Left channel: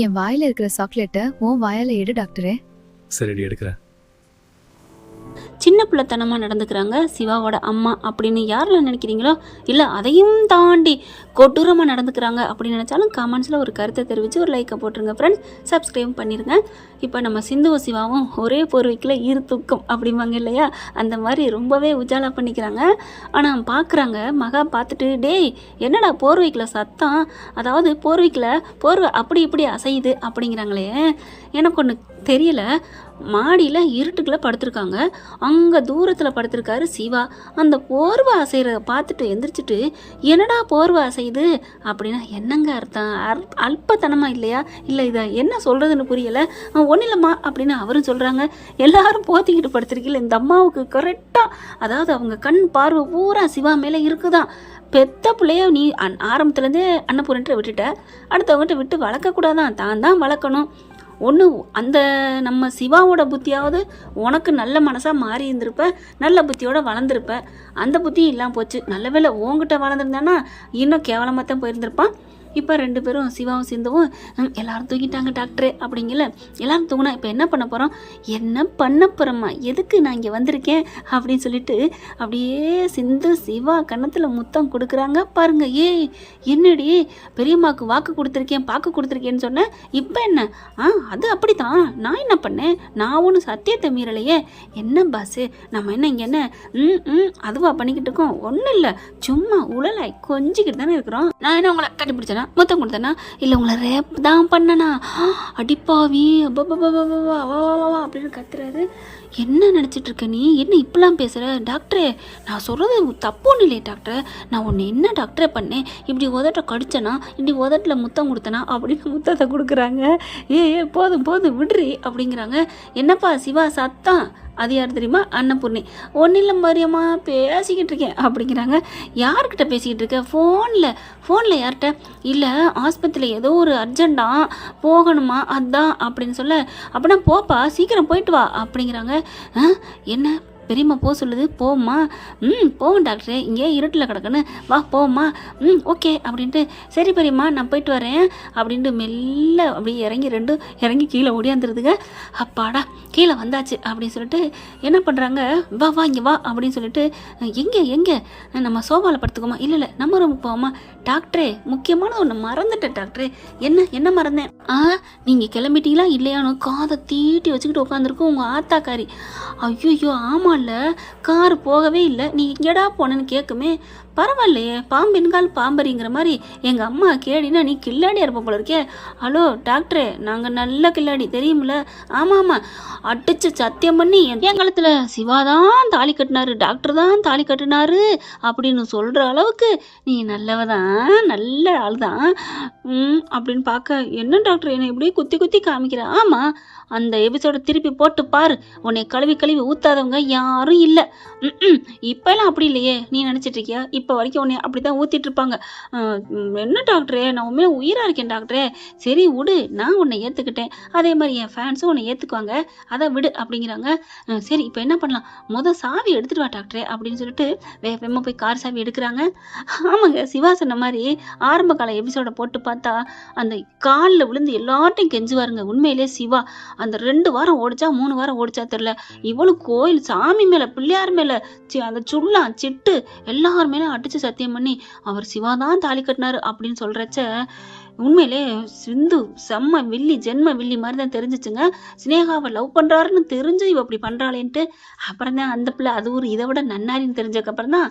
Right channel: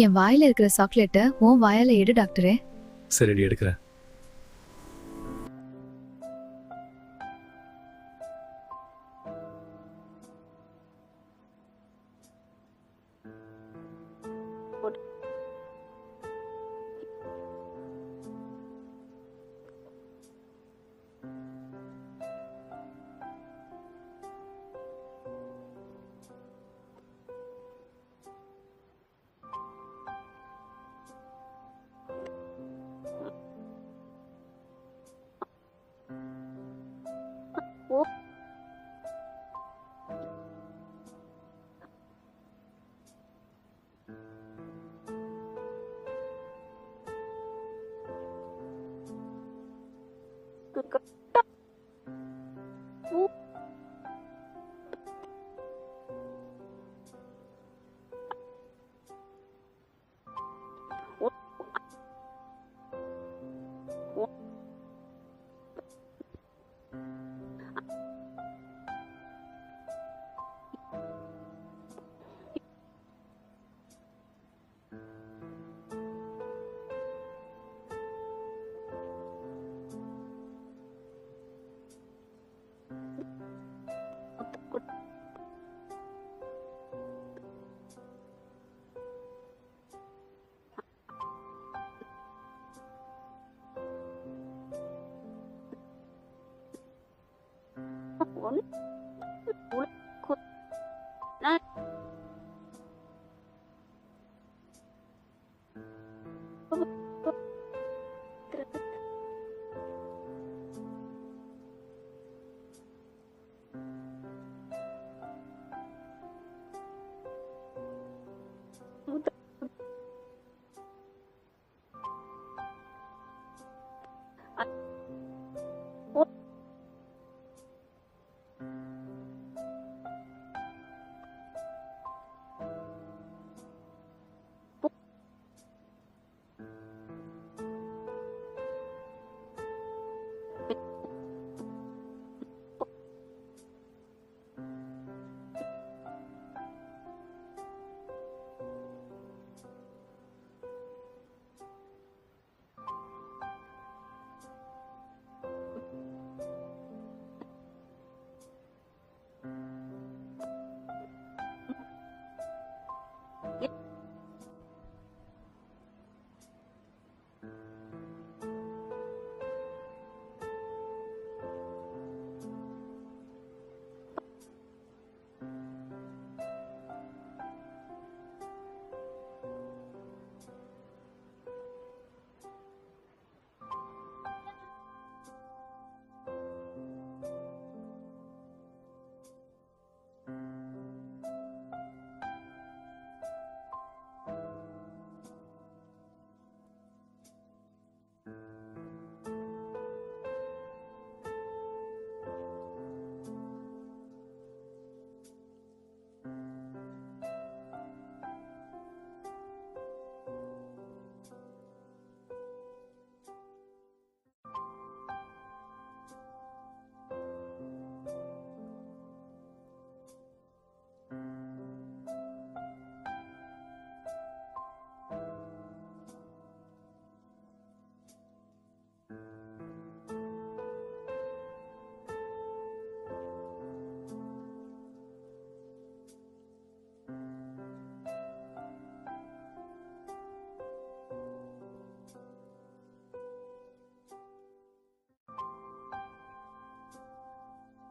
என் வாயில இருக்கிற சாக்லேட்டை உன் வாயால எடு டாக்டரே. சரிடி, எடுக்கிறேன். சின்ன பிள்ளைத்தனமாக நடந்துக்கிறாங்க சிவாவோட அம்மா அப்படின்னு யாரெல்லாம் நினைக்கிறீங்களோ, இல்லை அதையும் தாண்டி கொடூரமாக நடந்துக்கிறாங்க அப்படின்னு நினச்சாலும் கமெண்ட்ஸில் ஒரு கருத்தை தெரிவித்து ஒரு லைக்கை போட்டுருங்க ஃப்ரெண்ட்ஸ். சப்ஸ்கிரைப் பண்ணிடுங்க. இப்போ நம்ம சிந்துவும் சிவாவும் ஒரே போர்வைக்கில் இரு தூக்கம் அப்படிம்பாங்க இல்லையா, அந்த மாதிரி ரொம்பவே உஜாலா பண்ணிக்கிறாங்க. ஆனால் பார்க்குறாங்க மகா பார்த்துட்டு, டேய் என்னடா போர்வைக்கில் சத்தம், அதாவது போர்வை அப்படி இப்படி அசையுது அப்படிங்கிறாங்களே. எனக்கு ஒன்று தெரியல, மாடியில் இருட்டுக்குள்ளே படுத்திருக்காங்க, அங்கே தூரத்தில் படுத்திருக்காரு சிவா. அந்த போர்வை அசைகிறத பார்த்துட்டு எந்திரிச்சிட்டு, என்னடா போர்வை அசையுது அப்படின்னா என்னங்க அர்த்தம்? அல்பத்தனமாக இல்லையா? இல்லை இதை என்ன சொல்கிறதுன்னு புரியலை. ஒன்றும் இல்லைம்மா அப்படின்னு அவரும் சொல்கிறாங்க. எல்லாரும் போத்திக்கிட்டு படுத்திருக்கீங்கள, இந்த அம்மாவுக்கு கரெக்டாக, அதாவது அவங்க கண் பார்வை பூரா சிவா மேலே இருக்குதான். பெத்த பிள்ளைய நீ ஆரம்பத்துலேருந்தே அன்னபூரன்ட்டு விட்டுட்ட, அடுத்தவங்ககிட்ட விட்டு வளர்க்கக்கூடாதான், தான் வளர்க்கணும். ஒன்று அந்த நம்ம சிவாவோட புத்தியாவது உனக்கு நல்ல மனசாக மாறி இருந்திருப்ப, நல்ல புத்தியோட வளர்ந்துருப்ப. அந்த புத்தியும் இல்லாமல் போச்சு. நல்ல வேளை உங்ககிட்ட வளர்ந்துருந்தானா இன்னும் கேவலமாக தான் போயிருந்திருப்பான். இப்போ 2 பேரும் சிவாவும் சிந்துவும் எல்லாரும் தூங்கிட்டாங்க டாக்டரே அப்படிங்கல. எல்லாரும் தூங்கினா இப்போ என்ன பண்ண போகிறோம், என்ன பண்ண போகிறோம்மா, எதுக்கு நான் இங்கே வந்திருக்கேன் அப்படின்னு சொல்லிட்டு அப்படியே சிந்து சிவா கன்னத்தில் முத்தம் கொடுக்குறாங்க பாருங்க. என்னடி பெரியம்மாவுக்கு வாக்கு கொடுத்துருக்கேன், பாக்கு கொடுத்துருக்கேன்னு சொன்னேன், இப்போ என்ன? அது அப்படி தான், நான் என்ன பண்ணேன், நான் ஒன்றும் சத்தியத்தை மீறலையே. என்ன பாஸு, நம்ம என்ன இங்கே என்ன அதுவா பண்ணிக்கிட்டு இருக்கோம்? ஒன்றும் இல்லை, சும்மா உழலாய் கொஞ்சிக்கிட்டு தானே இருக்கிறோம். நான் என்ன உங்களை கட்டிப்பிடிச்சேனா, மொத்தம் கொடுத்தேனா, இல்லை உங்களை ரேப் தான் பண்ணனா, அடிப்பாவி அப்படின்னு கத்துறாரு. என்ன நினச்சிட்டு இருக்க நீ, என்ன இப்படிலாம் பேசுகிற? டாக்டரே நான் சொல்கிறது தப்பு ஒன்றும் இல்லையே டாக்டர், நான் ஒன்று என்ன டாக்டரே பண்ணேன், இப்படி உதட்ட கடிச்சனா, இப்படி உதட்டில் முத்தம் கொடுத்தனா அப்படின்னு முத்தத்தை கொடுக்குறாங்க. போதும் போதும் விடுறி அப்படிங்கிறாங்க. என்னப்பா சிவா சத்தம், அது யார் தெரியுமா, அன்னபூர்ணி. ஒன்றும் இல்லை மரியம்மா பேசிக்கிட்டு இருக்கேன் அப்படிங்கிறாங்க. யார்கிட்ட பேசிக்கிட்டு இருக்க? ஃபோனில் யார்கிட்ட? இல்லை ஆஸ்பத்திரியில் ஏதோ ஒரு அர்ஜெண்டாக போகணுமா அதான் அப்படின்னு சொல்ல, அப்படின்னா போப்பா சீக்கிரம் போயிட்டு வா அப்படிங்கிறாங்க. என்ன பெரியம்மா போக சொல்லுது, போம்மா. போவோம் டாக்டரே, இங்கே இருட்டில் கிடக்குன்னு, வா போம்மா. ஓகே அப்படின்ட்டு, சரி பெரியம்மா நான் போயிட்டு வரேன் அப்படின்ட்டு மெல்ல அப்படியே இறங்கி கீழே ஓடியாந்துருதுங்க. அப்பாடா கீழே வந்தாச்சு அப்படின்னு சொல்லிட்டு என்ன பண்ணுறாங்க, வா இங்கே வா அப்படின்னு சொல்லிட்டு, எங்கே நம்ம சோஃபாவில் படுத்துக்கோமா, இல்லை நம்ம ரூமுக்கு போவோமா. டாக்டரே முக்கியமான ஒன்று மறந்துட்டேன் டாக்டரே. என்ன மறந்தேன்? நீங்கள் கிளம்பிட்டீங்களா இல்லையானு காதை தீட்டி வச்சுக்கிட்டு உட்காந்துருக்கோம் உங்கள் ஆத்தாக்காரி. ஐயோ ஆமாம், இல்லை கார் போகவே இல்லை, நீ எங்கடா போனேன்னு கேட்குமே. பரவாயில்லையே, பாம்பின்கால் பாம்பரிங்கிற மாதிரி எங்கள் அம்மா கேடினா நீ கில்லாடியாக இருப்ப போல இருக்கே. ஹலோ டாக்டரே, நாங்கள் நல்ல கில்லாடி தெரியுமில்ல. ஆமாம் அடிச்சு சத்தியம் பண்ணி என் காலத்தில் சிவா தான் தாலி கட்டினாரு, டாக்டர் தான் தாலி கட்டினாரு அப்படின்னு சொல்கிற அளவுக்கு நீ நல்லவதான், நல்ல ஆள் தான் அப்படின்னு பார்க்க, என்ன டாக்டர் என்னை இப்படியே குத்தி காமிக்கிற? ஆமாம், அந்த எபிசோட திருப்பி போட்டு பாரு, உன்னை கழுவி ஊத்தாதவங்க யாரும் இல்லை. இப்பெல்லாம் அப்படி இல்லையே, நீ நினச்சிட்டு இருக்கியா? இப்போ வரைக்கும் உன்னை அப்படி தான் ஊற்றிட்டு இருப்பாங்க. என்ன டாக்டரே, நான் உண்மையில உயிராக இருக்கேன் டாக்டரே. சரி விடு, நான் உன்னை ஏற்றுக்கிட்டேன், அதே மாதிரி என் ஃபேன்ஸும் உன்னை ஏற்றுக்குவாங்க, அதை விடு அப்படிங்கிறாங்க. சரி இப்போ என்ன பண்ணலாம், சாவி எடுத்துட்டு வா டாக்டரே அப்படின்னு சொல்லிட்டு வேகமாக போய் கார் சாவி எடுக்கிறாங்க. ஆமாங்க, சிவா சொன்ன மாதிரி ஆரம்ப கால எபிசோட போட்டு பார்த்தா அந்த காலில் விழுந்து எல்லார்ட்டையும் கெஞ்சுவாருங்க. உண்மையிலே சிவா அந்த 2 வாரம் ஓடிச்சா 3 வாரம் ஓடிச்சா தெரியல, இவ்வளவு கோயில் சாமி மேல பிள்ளையார் மேல அந்த சுள்ளா சிட்டு எல்லார் மேலும் அடிச்சு சத்தியம் பண்ணி அவர் சிவாதான் தாலி கட்டினாரு அப்படின்னு சொல்றச்ச உண்மையிலே சிந்து செம்ம வில்லி, ஜென்ம வில்லி மாதிரி தான் தெரிஞ்சிச்சுங்க. சினேகாவை லவ் பண்ணுறாருன்னு தெரிஞ்சு இவ அப்படி பண்ணுறாளேன்ட்டு அப்புறம் தான் அந்த பிள்ளை அது ஒரு இதை விட நன்னாரின்னு தெரிஞ்சதுக்கப்புறம் தான்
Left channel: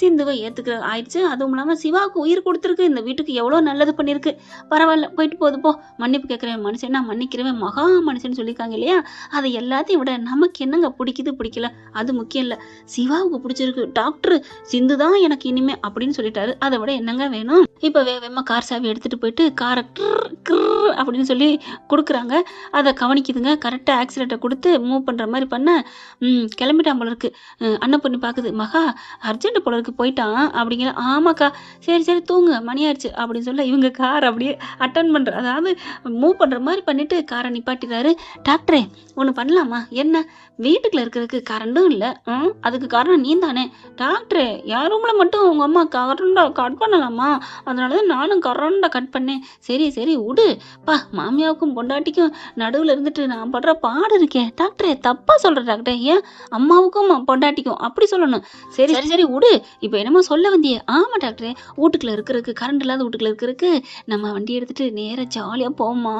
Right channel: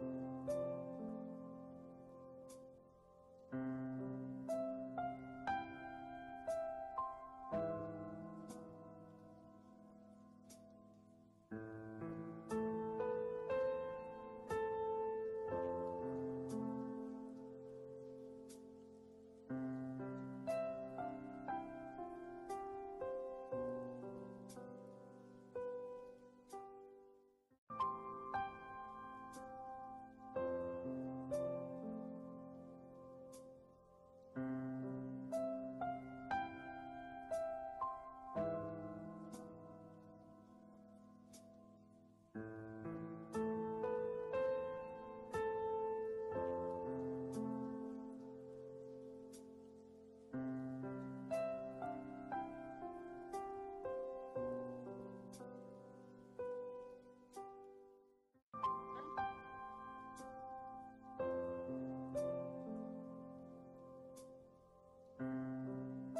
சிந்துவை ஏற்றுக்கிற ஆயிடுச்சு. அதுவும் இல்லாமல் சிவாவுக்கு உயிர் கொடுத்துருக்கு, இந்த வீட்டுக்கு எவ்வளோ நல்லது பண்ணியிருக்கு. பரவாயில்ல போயிட்டு போகுது போ, மன்னிப்பு கேட்குறேன் மனுஷன்னா மன்னிக்கிறவன் மகா மனுஷன் சொல்லியிருக்காங்க இல்லையா, அதை எல்லாத்தையும் விட நமக்கு என்னங்க பிடிக்கல அது முக்கியம் இல்லை, சிவாவுக்கு பிடிச்சிருக்கு, டாக்டர் சிந்து தான் எனக்கு இனிமே அப்படின்னு சொல்லிட்டாரு, அதை விட என்னங்க வேணும். இப்போ வேகமாக கார் சாவி எடுத்துகிட்டு போயிட்டு காரை அப்படின்னு சொல்லி கொடுக்குறாங்க. அதை கவனிக்குதுங்க, கரெக்டாக ஆக்சிலேட்டரை கொடுத்து மூவ் பண்ணுற மாதிரி பண்ண கிளம்பிட்டான் போல இருக்கு. அண்ணன் பொண்ணு பார்க்குது, மகா அர்ஜென்ட் போல இருக்கு, ரூமுக்கு போயிட்டான் அப்படிங்கிற. ஆமாக்கா, சரி சரி தூங்கு, மணி ஆயிடுச்சு அப்படின்னு சொல்ல இவங்க கார் அப்படியே அட்டன் பண்ணுற, அதாவது மூவ் பண்ணுற மாதிரி பண்ணிட்டு காரை நிப்பாட்டிடுறாரு. டாக்டரே ஒன்று பண்ணலாமா? என்ன? வீட்டுக்குள்ள இருக்கிறதுக்கு கரண்டும் இல்லை, அதுக்கு காரணம் நீ தானே. டாக்டரே என் ரூமில் மட்டும் உங்கள் அம்மா கரண்டை கட் பண்ணலாமா? அதனால தான் நானும் கரண்டை கட் பண்ணேன். சரி சரி விடு பா, மாமியாவுக்கும் பொண்டாட்டிக்கும் நடுவில் இருந்துட்டு நான் படுற பாடு இருக்கேன். டாக்டரே தப்பாக சொல்கிறேன் டாக்டரே, ஏன் அம்மாவுக்கும் பொண்டாட்டிக்கும் அப்படி சொல்லணும். சரி சரி சரி விடு, இப்போ என்னமோ சொல்ல வந்தியே. ஆமாம் டாக்டரே, வீட்டுக்குள்ள இருக்கிறதுக்கு, கரண்ட் இல்லாத வீட்டுக்குள்ள இருக்கிறதுக்கு நம்ம வண்டி எடுத்துகிட்டு நேராக ஜாலியாக போவோமா?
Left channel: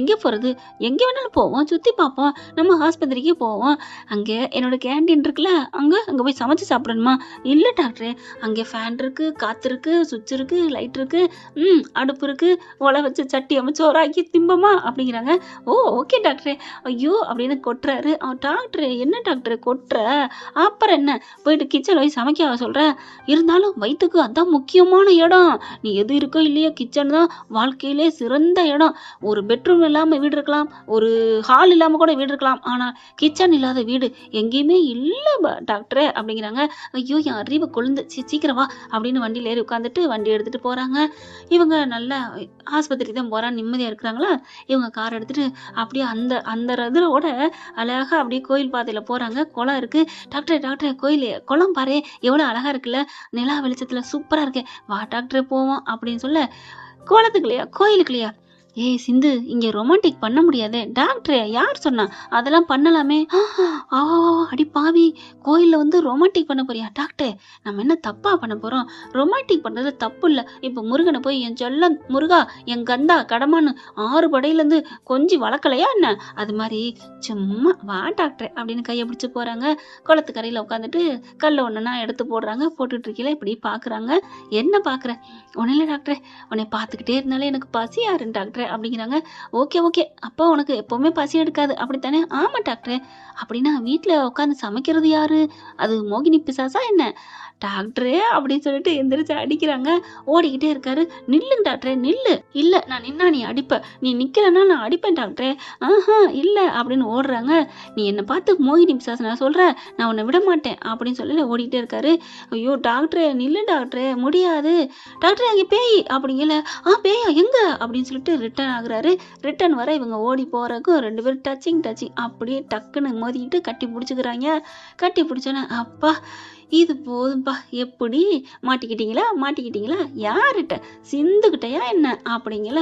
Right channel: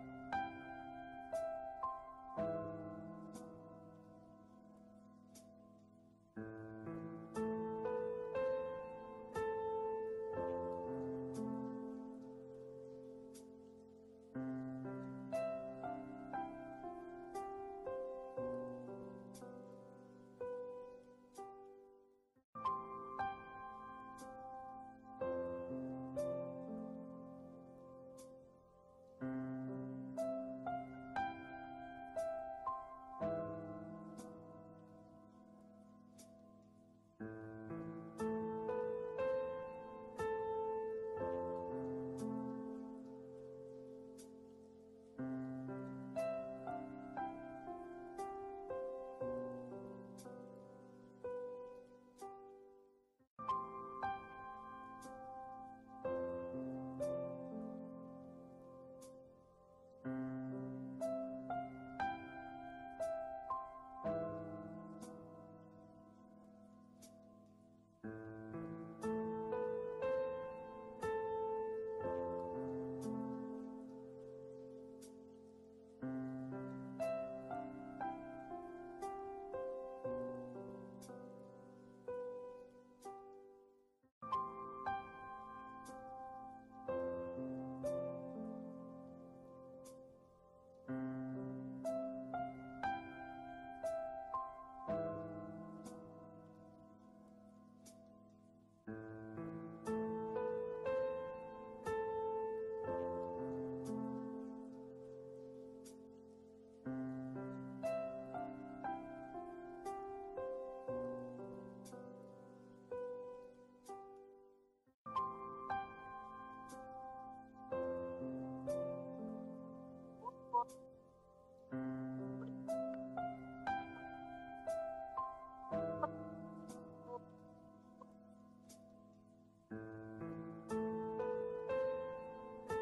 எங்கே போகிறது? எங்கே வேணாலும் போவோம், சுற்றி பார்ப்போம், நம்ம ஆஸ்பத்திரிக்கு போவோம். அங்கே என்னோட கேண்டீன் இருக்குல்ல, அங்கே போய் சமைச்சு சாப்பிடணுமா? இல்லை டாக்டரே, அங்கே ஃபேன் இருக்குது, காற்று இருக்குது, சுவிட்ச் இருக்குது, லைட் இருக்குது, அடுப்பு இருக்குது, ஒலை வச்சு சட்டி அமைச்சு சோறாக்கி திம்பமா அப்படிங்கிறாங்க. ஓ ஓகே டாக்டரே. ஐயோ அப்படின்னு கொட்டுறாரு. டாக்டரே என்ன டாக்டர் கொட்டுற? அப்புறம் என்ன, போயிட்டு கிச்சனில் போய் சமைக்க சொல்கிற? இருந்தாலும் வயிற்றுக்கு அதான் முக்கியமான இடம். நீ எது இருக்கோ இல்லையோ, கிச்சன் தான் வாழ்க்கையிலே சிறந்த இடம். ஒரு பெட்ரூம் இல்லாமல் வீடு இருக்கலாம், ஒரு ஹால் இல்லாமல் கூட வீடு இருக்கலாம், ஆனால் கிச்சன் இல்லாத வீடு எங்கேயுமே இல்லை டாக்டரே அப்படிங்கிறாங்க. ஐயோ என் அறிவை கொழுந்து, சீக்கிரம் வா அப்படின்னு வண்டியில் ஏறி உட்காந்துட்டு வண்டி எடுத்துகிட்டு போகிறாங்க. இவங்க நல்லா ஆஸ்பத்திரி தான் போகிறான்னு நிம்மதியாக இருக்கிறாங்களா. இவங்க கார் எடுத்துகிட்டு அப்படியே அந்த அந்த இதோட அழகாக அப்படியே கோயில் பாதையில் போகிறாங்க. குளம் இருக்குது. டாக்டரே டாக்டரே கோயில் குளம் பாரு எவ்வளோ அழகாக இருக்குல்ல, நிலா வெளிச்சத்தில் சூப்பராக இருக்கு, வா டாக்டரே போவோம் அப்படின்னு சொல்ல, குளத்துக்குலையா கோயிலுக்குலையா? ஏய் சிந்து, இங்கே ரொமான்டிக் பண்ண முடியாதே. டாக்டரே யார் சொன்னா? அதெல்லாம் பண்ணலாமே. ஆ அடி பாவி, கோயிலில் வந்து ரொமான்டிக் பண்ண போறியா? டாக்டர் நம்ம என்ன தப்பா பண்ண போகிறோம்? ரொமான்டிக் பண்ணுறது தப்பு இல்லை. இப்போ முருகனை போய் என் சொல்ல முருகா, என் கந்தா கடமான்னு 6 படையிலேருந்து கொஞ்சி வளர்க்கலையா என்ன? அது மாதிரி சும்மா வா டாக்டர் அப்படின்னு கையை பிடிச்சி போகிறாங்க. குளத்துக்கரையில் உட்காந்துட்டு கல்லை ஒன்றுனா எடுத்து போடுறாங்க. போட்டுட்டு இருக்கீங்களா இப்படி பார்க்குறாங்க. என்ன பார்க்குற? ஒன்றும் இல்லை டாக்டர், உன்னை பார்த்துக்கிட்டே இருந்தாலே எனக்கு பசி யாருன்னு டாக்டர் அப்படிங்கிறாங்க. ஓகே ஓகே, அப்போ உனக்கு எப்போவுமே பசி எடுக்காது அப்படித்தானே? ஆமாம் டாக்டர். அப்படின்னா வீட்டில் உட்காந்து சமைக்கிறது யாரு? அது மோகினி பிசாசா என்ன? டாக்டரே அப்படின்னு சொல்லிட்டு எந்திரிச்சு அடிக்கிறாங்க. ஓடிக்கிட்டே இருக்காரு. நில்லுங்க டாக்டரே நில்லு. இல்லை நான் நின்னா நீ அடிப்ப, நீ நிற்கலன்னா நான் அடிப்பேன் டாக்டரே. இல்லை அப்படின்னு ஓடுறாங்க. நீ என்னை பார்த்து மோகினி பிசாசு நான் சொல்கிறேன், நான் உன்னை விட மாட்டேன் அப்படின்னு சொல்லி ஓடிக்கிட்டே இருக்காரு. ஐயோ டாக்டரே நில்லு டாக்டரே, முடியாது டாக்டரே, அங்கே பேய் அப்படிங்கல. பேயா எங்க அப்படின்னு சொல்லிட்டு ரிட்டர்ன் ஆகுறாரு. ரிட்டர்ன் வர இவங்க ஓடி போகிறக்கும் 2 பேரும் டச்சிங் அப்படியே டக்குன்னு மோதிக்கிட்டு கட்டி பிடிச்சிக்கிறாங்க. கட்டி பிடிச்சோன்னே அப்பா இது போதும்பா, எப்படி மாட்டிக்கிட்டீங்களா? யார்கிட்ட? சிந்துக்கிட்டயா என்ன அப்படிங்கல.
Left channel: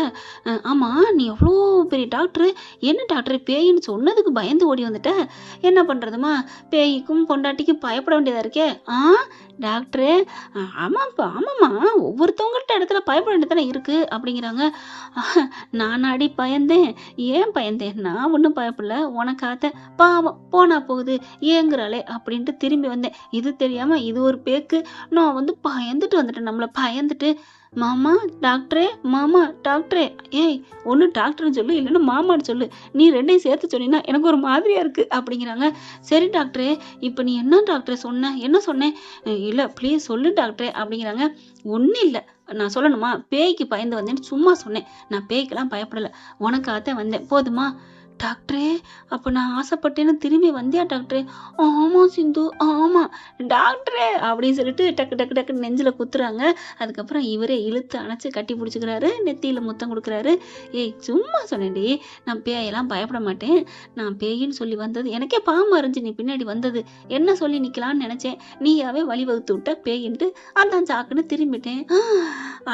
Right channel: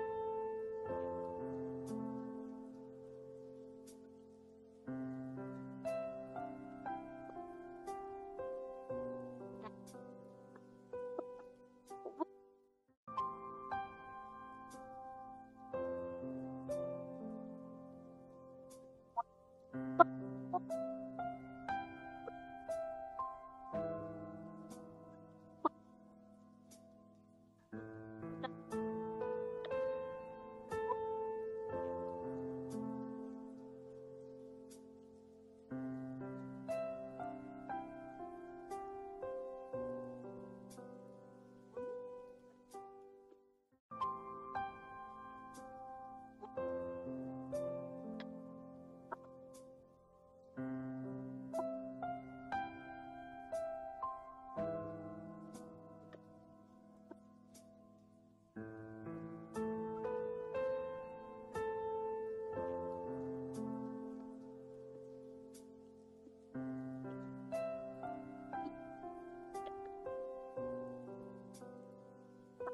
ஆமாம் நீ எவ்வளோ பெரிய டாக்டரு, என்ன டாக்டர் பேயின்னு சொன்னதுக்கு பயந்து ஓடி வந்துட்ட, என்ன பண்ணுறதுமா? பேய்க்கும் பொண்டாட்டிக்கும் பயப்பட வேண்டியதாக இருக்கே. டாக்டரு ஆமாம்மா, ஒவ்வொருத்தவங்கள்ட்ட இடத்துல பயப்பட வேண்டியதானே இருக்குது அப்படிங்கிறாங்க. நானாடி பயந்தேன்? ஏன் பயந்தேன்? நான் ஒன்றும் பயப்படல, உனக்காத்த பாவம் போனா போகுது ஏங்குறாளே அப்படின்ட்டு திரும்பி வந்தேன். இது தெரியாமல் இது ஒரு பேக்கு, நான் வந்து பயந்துட்டு வந்துட்டேன், நம்மளை பயந்துட்டு. மாமா டாக்டரே, ஏய் ஒன்று டாக்டர்னு சொல்லு, இல்லைன்னா மாமான்னு சொல்லு, நீ ரெண்டையும் சேர்த்து சொன்னீங்கன்னா எனக்கு ஒரு மாதிரியா இருக்கு அப்படிங்கிறாங்க. சரி டாக்டரே, இப்போ நீ என்ன டாக்டர் சொன்ன? என்ன சொன்னேன்? இல்லை ப்ளீஸ் சொல்லு டாக்டரே அப்படிங்கிறாங்க. ஒன்றும் இல்லை, நான் சொல்லணுமா? பேய்க்கு பயந்து வந்தேன்னு சும்மா சொன்னேன், நான் பேய்க்கெல்லாம் பயப்படலை, உனக்காகத்தான் வந்தேன், போதுமா? டாக்டரே அப்போ நான் ஆசைப்பட்டேன்னு திரும்பி வந்தியா டாக்டரே? ஆமாம் சிந்து ஆமாம் டாக்டரே அப்படின்னு சொல்லிட்டு டக்கு நெஞ்சில் குத்துறாங்க. அதுக்கப்புறம் இவரே இழுத்து அணைச்சி கட்டி பிடிச்சிக்கிறாரு, நெத்தியில் முத்தம் கொடுக்குறாரு. ஏய் சும்மா சொன்னேன்டி, நான் பேயெல்லாம் பயப்பட மாட்டேன், நான் பேயின்னு சொல்லி வந்தது எனக்கே பாவமாக இருந்துச்சு, நீ பின்னாடி வந்தது என்ன சொல்லி நிற்கலான்னு நினச்சேன், நீயாவே வழி வகுத்து விட்ட பேயின்ட்டு அதான் சாக்குன்னு திரும்பிட்டேன்.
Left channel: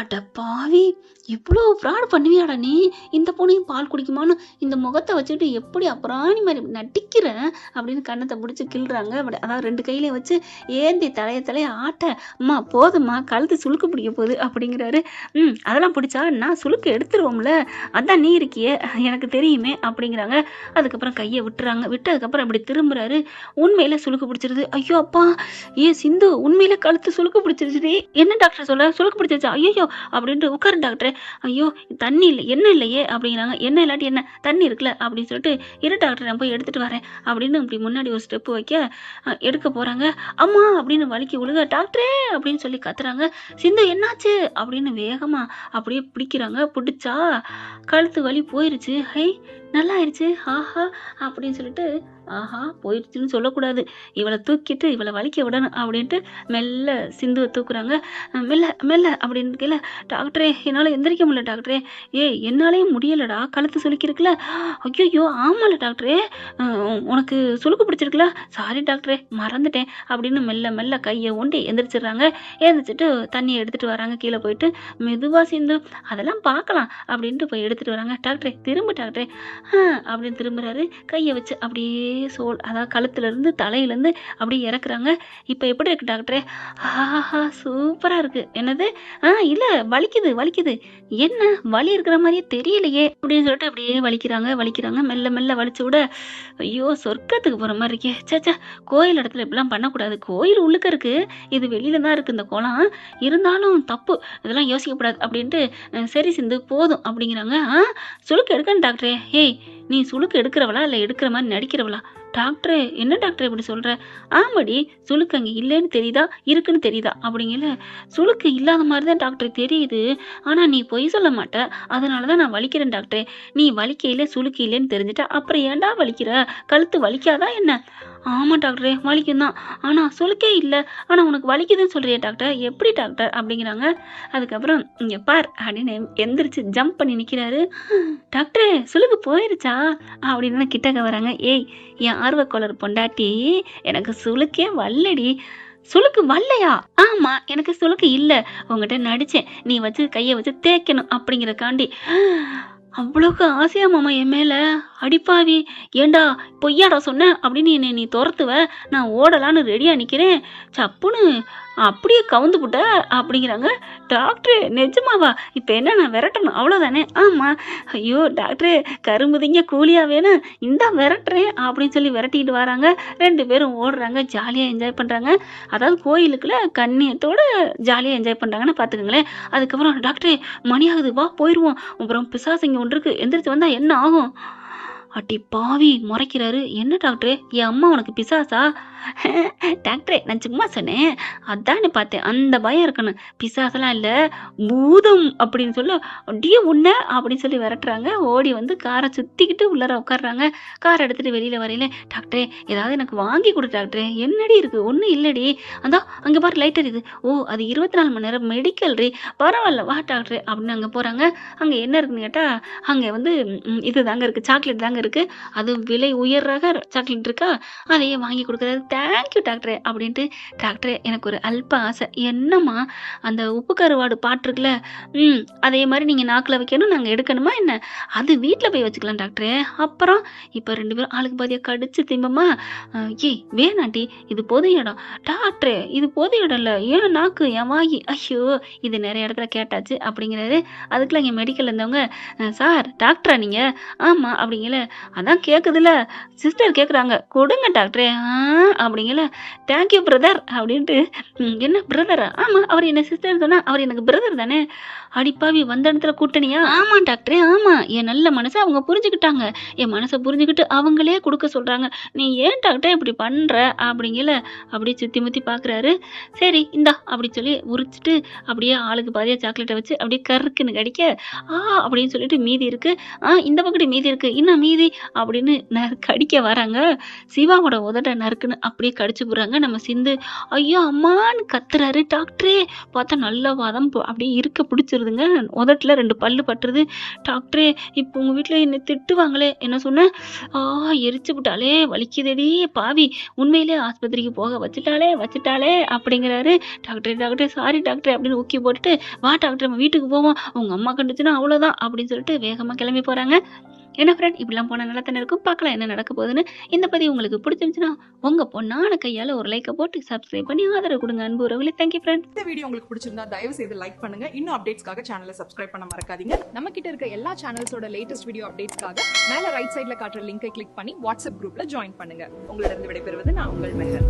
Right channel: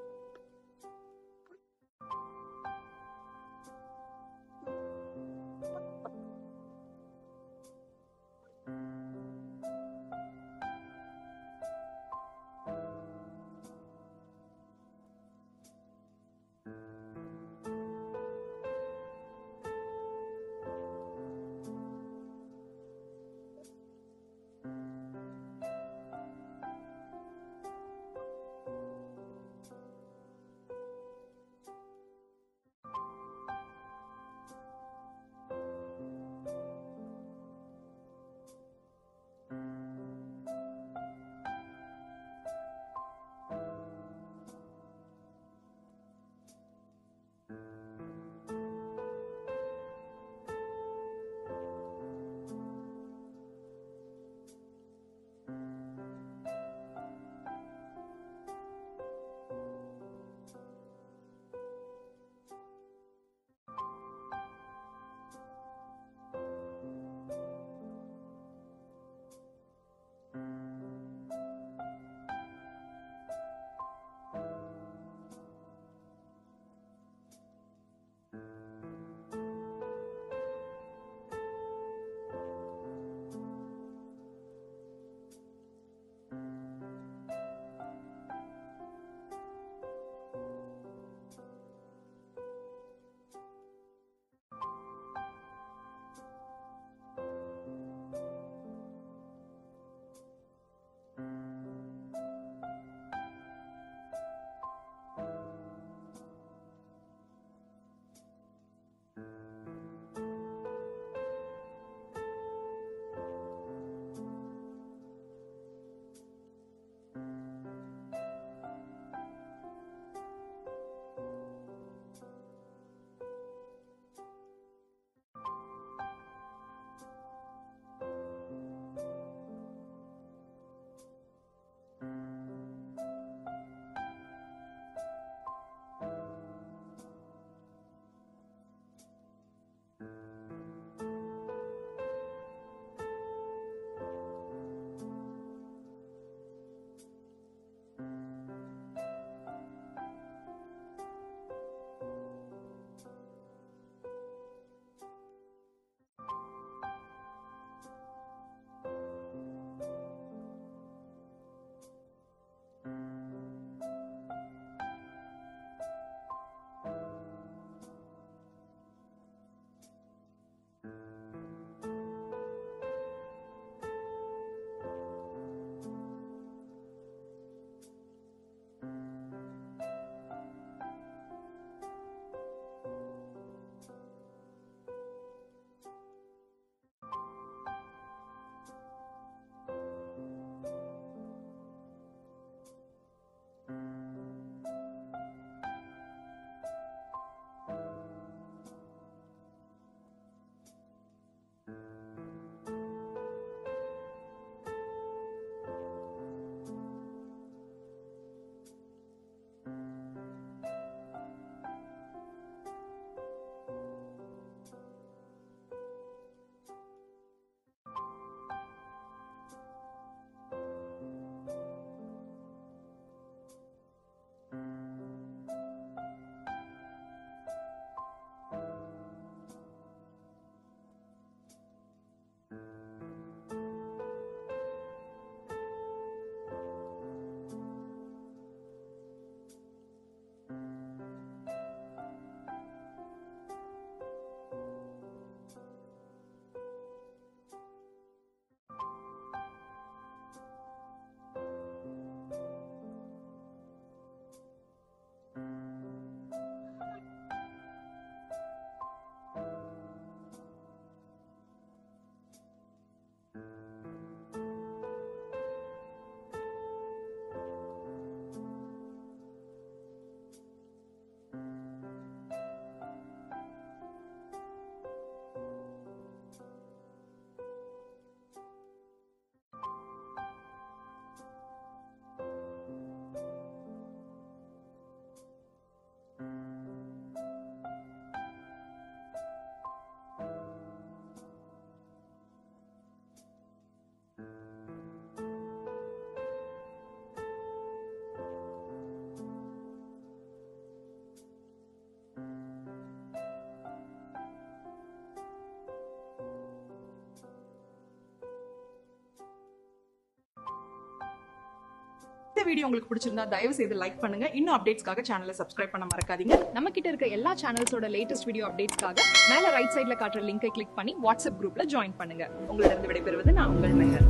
அட பாவி, இவ்வளோ ஃப்ராட் பண்ணுவியாடா நீ? இந்த பொண்ணையும் பால் குடிக்குமான்னு இந்த முகத்தை வச்சுக்கிட்டு எப்படி அப்புறாணி மாதிரி நட்டிக்கிற அப்படின்னு கண்ணத்தை பிடிச்சி கிள்றாங்க. அதாவது 2 கையிலையும் வச்சு ஏந்தி தலைய ஆட்ட, அம்மா போதும்மா கழுத்து சுளுக்கு பிடிக்க போகுது அப்படிங்கிறாரு. அதெல்லாம் பிடிச்சா நான் சுளுக்கு எடுத்துருவோம்ல, அதான் நீ இருக்கியே எனக்கு தெரியுமே அப்படிங்கிறாங்க. அதுக்கப்புறம் கையை விட்டுறாங்க. விட்டதுக்கப்புறம் இப்படி திரும்புறாரு. உண்மையில சுளுக்கு பிடிச்சிருது. ஐயோ அப்பா, சிந்து உண்மையில கழுத்து சுளுக்கு பிடிச்சிருச்சு. என்ன டாக்டர் சொல்ல? சுளுக்கு பிடிச்சிருச்சா? ஐயோ அப்படின்ட்டு உட்காரு டாக்டர். ஐயோ தண்ணி இல்லை, என்ன இல்லையே அப்படிங்கிறாங்க. என்ன இல்லாட்டி என்ன, தண்ணி இருக்குல்ல அப்படின்னு சொல்லிட்டு, இரு டாக்டர் நான் போய் எடுத்துட்டு வரேன் அப்படின்னு இப்படி முன்னாடி ஒரு ஸ்டெப்பு வைக்க எடுக்க போறாங்க. அம்மா அப்படின்னு வலிக்கு விழுக, டாக்டரே அப்படின்னு சொல்லி கத்துறாங்க. சிந்து என்னாச்சு அப்படின்னு வேகமா அப்படியே பிடிக்கிறாங்க. பிடிச்சா கழுத்து வலி போயிருச்சு. ஹை நல்லா ஆயிடுச்சு. ஆஹா அப்படின்னு சொல்லிட்டு ஆஹா போயிடுச்சுன்னு சொல்லக்கூடாது. இவளை தூக்கிட்டு இவளை வலிக்க விடணும் அப்படின்ட்டு மெல்ல சிந்துவை தூக்குறாங்க. மெல்ல மெல்ல அப்படின்னு கீழே டாக்டரே என்னால் எந்திரிக்க முடியல டாக்டரே. ஏய் என்னாலேயும் முடியலடா கழுத்து சுலுக்கிருக்குல்ல. ஐயோ ஆமாம்ல டாக்டரே உனக்கு சுளுக்கு பிடிச்சிருக்குல்ல. சாரி டாக்டரே மறந்துட்டேன் அப்படின்னு மெல்ல மெல்ல கையை ஒண்டி எந்திரிச்சிடுறாங்க. எழுந்திரிச்சிட்டு தண்ணியை எடுத்துகிட்டு வராங்க. கீழே போயிட்டு மெதுவாக சிந்து அதெல்லாம் பார்க்கலாம் அப்படின்ட்டு போய் எடுத்துகிட்டு வராங்க. டாக்டரே திரும்ப டாக்டரே அப்படின்னு திரும்புறாரு. கையை வச்சு அப்படியே அதாவது கழுத்துலேருந்து தலையிலேருந்து அப்படியே இறக்குறாங்க. இப்போ எப்படி இருக்கு டாக்டரே? ஆஹா சூப்பராக இருக்கு. என்னது? இல்லை வலிக்குது வலிக்குது. என்ன வலி இருக்கிற மாதிரியே தெரியலையே அப்படின்னு சொல்லிட்டு அப்படியே வலிக்கிறாங்க. மெல்ல மெல்ல வலிச்சு விட ஐயோ சொர்க்கத்துக்கு போகிற மாதிரி இருக்கே. சேச்சா கோயில் இடத்துல இப்படிலாம் பண்ணக்கூடாது. கோயில் உள்ளுக்க இருக்கு, இது வெளியில தான் இருக்கு இந்த குளம். இருந்தாலும் தப்பு, இதெல்லாம் யோசிக்கப்படாது அப்படின்ட்டு சரி சிந்து போதும் அப்படிங்கிறாங்க. சுளுக்கு எடுக்கணும் டாக்டரே. ஏய் நீ சுளுக்கு எடுக்கிறவளா இல்லை எடுக்கிற மாதிரி நடிக்கிறவளா? டாக்டரே என்ன டாக்டர் இப்படி சொல்கிற? ஆமாடி சுளுக்கு அங்கே இல்லைன்னு தெரியுதா இருக்குன்னு தெரியுதா அப்படிங்கல. சுளுக்கு இல்லாத மாதிரி தான் டாக்டர் தெரியுது, ஆனால் நீ பொய் சொல்ல மாட்ட, அதனால தான் நான் வலிக்கிறேன் டாக்டரே. நீ வலிக்கையில் சுளுக்கு இல்லைன்னு தெரிஞ்சுட்டா அப்புறம் ஏன்டா வலிக்கிற? கழுத்து வலிக்காதா என்ன? ஆமாம் டாக்டரே வலிக்கும் தான், ஆனால் சுளுக்கே இல்லை, ஆனால் உனக்கு வலிக்குதுன்னு சொல்கிறிய டாக்டர், எப்படி டாக்டர் அப்படிங்கிறாங்க. அதுக்கப்புறம் இங்கே பார் அப்படின்னு எந்திரிச்சு ஜம்ப் பண்ணி நிற்கிறாரு. டாக்டரே சுளுக்கு போயிருச்சா அப்படின்னு கிட்டக்க வராங்க. ஏய் என் ஆர்வக்கோளர் பொண்டாட்டி, எனக்கு சுளுக்கே வல்லடி. சுளுக்கு வல்லையா? ஆமா எனக்கு சுளுக்கு இல்லை, உங்ககிட்ட நடிச்சேன், நீ வச்சு கையை வச்சு தேய்க்கணும் அப்படிங்கிறக்காண்டி. அவ்வளோக்கு ஆசையா மாமா என் மேல? அடிப்பாவி, ஏண்டா பொய்யாடா சொன்ன அப்படின்னு என்னை நீ துரத்துவ, நான் ஓடலான்னு ரெடியா நிக்கிறேன், சப்புன்னு அப்படியே கவுந்து புட்ட அப்படிங்கிறாங்க. டாக்டரு நிஜமாவா? இப்போ என்ன நான் விரட்டணும் அவ்வளோதானே? ஆமாம். ஐயோ டாக்டரு கரும்புதிங்க கூலியாக வேணும், இந்தா விரட்டுறேன் அப்படின்னு சொல்லி விரட்டிக்கிட்டு வராங்க. 2 பேரும் ஓடுறாங்க, ஜாலியாக என்ஜாய் பண்ணுறாங்க. அதாவது கோயிலுக்குள்ள கண்ணியத்தோடு ஜாலியாக என்ஜாய் பண்ணுறாங்கன்னு பார்த்துக்கங்களேன். அதுக்கப்புறம் டாக்டரே மணி ஆகுது வா போயிடுவோம், அப்புறம் பிசாசிங்க ஒன்று இருக்குது, எந்திரிச்சு வந்தால் என்ன ஆகும்? அட்டி பாவி முறைக்கிறாரு. என்ன டாக்டரே என் அம்மா உனக்கு பிசாசா? டாக்டரே நான் சும்மா சொன்னேன், அதானே பார்த்தேன், அந்த பயம் இருக்கணும், பிசாசெல்லாம் இல்லை பூதம் அப்படின்னு சொல்ல அப்படியே உன்ன அப்படின்னு சொல்லி விரட்டுறாங்க. ஓடி வந்து காரை சுற்றிக்கிட்டு உள்ளார உட்காடுறாங்க. காரை எடுத்துகிட்டு வெளியில் வரையில டாக்டரே ஏதாவது எனக்கு வாங்கி கொடு டாக்டரே. என்னடி இருக்குது? ஒன்றும் இல்லடி, அதான் அங்கே பாரு லைட்டர் இது. ஓ அது 24 மணி நேரம் மெடிக்கல் ரீ, பரவாயில்ல வா டாக்டரே அப்படின்னு அங்கே போகிறாங்க. அங்கே என்ன இருக்குன்னு கேட்டால் அங்கே வந்து இது தாங்க இருக்குது, சாக்லேட் தாங்க இருக்குது. அது விலை உயர் ரக சாக்லேட் இருக்கா, அதையே வாங்கி கொடுக்குறாரு. தேங்க்யூ டாக்டரே அப்படின்ட்டு. டாக்டரே எனக்கு ஒரு அல்ப ஆசை. என்னம்மா? அந்த உப்பு கருவாடு பாட்டுருக்குல்ல, அதே மாதிரி நீங்கள் நாக்கில் வைக்கணும், நாங்கள் எடுக்கணுமா என்ன? அது வீட்டில் போய் வச்சுக்கலாம் டாக்டரே. அப்புறம் இப்போ 2 பேரும் ஆளுக்கு பாதியாக கடிச்சு திம்பமா. ஏய் வேணாண்டி இது பொது இடம். டாக்டரே இது பொது இடம் இல்லை, ஏன் நாக்கு என் வாங்கி, ஐயோ இது நிறைய இடத்துல கேட்டாச்சு அப்படிங்கிறாரு. அதுக்குள்ள இங்கே மெடிக்கல் இருந்தவங்க, சார் டாக்டரா நீங்கள்? ஆமாம் அப்படிங்கல. அதான் கேட்குதுல்ல சிஸ்டர் கேட்குறாங்க, கொடுங்க டாக்டரே அப்படிங்கல. தேங்க்யூ பிரதர் அப்படின்ட்டு. என்ன பிரதரா? ஆமாம் அவர் என்ன சிஸ்டர் சொன்னால் அவர் எனக்கு பிரதர் தானே. அடிப்பாவி வந்த இடத்துல கூட்டணியா? ஆமாம் டாக்டரே ஆமாம், என் நல்ல மனசை அவங்க புரிஞ்சுக்கிட்டாங்க, என் மனசை புரிஞ்சுக்கிட்டு அவங்களே கொடுக்க சொல்கிறாங்க. நீ ஏன் டாக்டர் இப்படி பண்ணுற அப்படிங்கல. அப்படியே சுற்றி முற்றி பார்க்குறாரு. சரி இந்தா அப்படி சொல்லி உரிச்சிட்டு அப்படியே ஆளுக்கு பாதியாக சாக்லேட்டை வச்சு அப்படியே கருக்குன்னு கடிக்க அப்படின்னு சொல்லிட்டு மீதி இருக்குது, இந்த பக்கத்து மீதி இருக்குது, இன்னும் மீதி அப்படின்னு கடிக்க வராங்க. சிவாவோட உதட்ட நறுக்குன்னு அப்படியே கடிச்சு போடுறாங்க. நம்ம சிந்து ஐயோ அம்மான்னு கத்துறாரு. டாக்டரே பார்த்தா நல்ல வாதம் அப்படியே இருக்க பிடிச்சிருதுங்க. உதட்டில் 2 பல்லு பட்டுருது. டாக்டரே இப்போ உங்கள் வீட்டில் என்னை திட்டுவாங்களே, என்ன சொன்னேன்? எரிச்சு விட்டாலே வலிக்குதடி பாவி, உண்மையிலே ஆஸ்பத்திரிக்கு போக வச்சுட்டாலே அப்படிங்கிறாரு. டாக்டரே சாரி டாக்டரே அப்படின்னு ஊக்கி போட்டுட்டு வா டாக்டர் நம்ம வீட்டுக்கு போவோம், உங்கள் அம்மா கண்டுச்சுன்னா அவ்வளோதான் அப்படின்னு சொல்லிட்டு வேகமாக கிளம்பி போகிறாங்க. என்ன ஃப்ரெண்ட் இப்படிலாம் போனால் நல்லா தானே இருக்கும். பார்க்கலாம் என்ன நடக்க போகுதுன்னு. இந்த பதிவு உங்களுக்கு பிடிச்சிருந்துச்சுன்னா உங்கள் பொண்ணான கையால் ஒரு லைக்கை போட்டு சப்ஸ்கிரைப் பண்ணி ஆதரவு கொடுங்க அன்பு உறவுகளே. Thank you friend. இந்த வீடியோ உங்களுக்கு பிடிச்சிருந்தா தயவு செய்து லைக் பண்ணுங்க. இன்னும் அப்டேட்ஸ்க்காக சேனலை சப்ஸ்கிரைப் பண்ண மறக்காதீங்க. நம்ம கிட்ட இருக்க எல்லா சேனல்ஸோட லேட்டஸ்ட் வீடியோ அப்டேட்ஸ்க்காக மேல ரைட் சைடுல காட்டுற லிங்கை கிளிக் பண்ணி வாட்ஸ்அப் குரூப்ல ஜாயின் பண்ணுங்க. உங்களிடம் விடைபெறுவது நான் உங்கள் மெஹர்.